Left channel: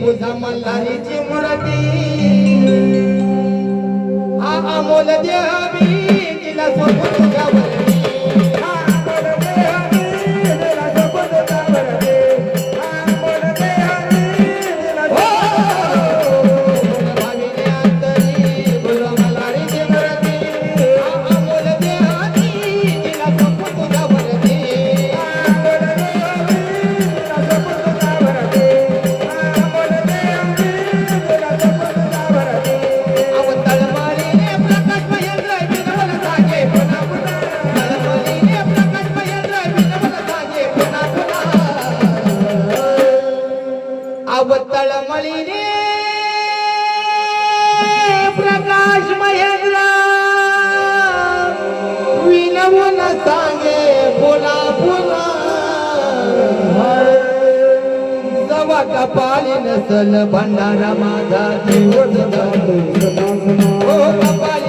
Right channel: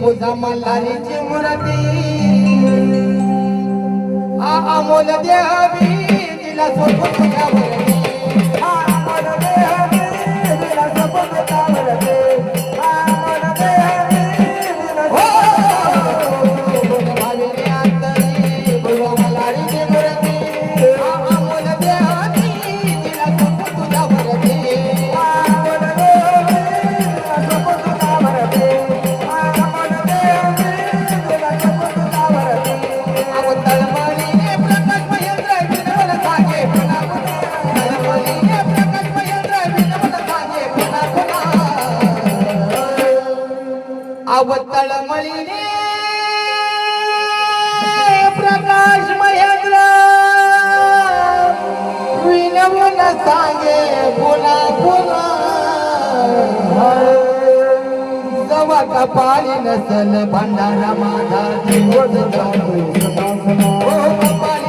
पूजा मल्हारीची मूर्ती अमोल देवी तिला सोबत तुझ्या वरती अमोल देवी तिला सोबत तुझ्या वरती अमोल देवी हो भाविनी अंतरी बोलो मल्हारीची मूर्ती अमोल देवी तिला सोबत तुझ्या वरती अमोल देवी तिला सोबत तुझ्या वरती अमोल देवी तिला सोबत तुझ्या वरती अवतळ माळीने प्रकाश महेंद्र विनवल साजे पुन्हा पुन्हा तळमळीने प्रकाश महेंद्र विनवल साजे पुन्हा पुन्हा अवतळ मळीने प्रकाश महेंद्र विनवल साजे पुन्हा पुन्हा जवा कपाळी नसल भंडारा माझा जीव जगातो ओ कपाळी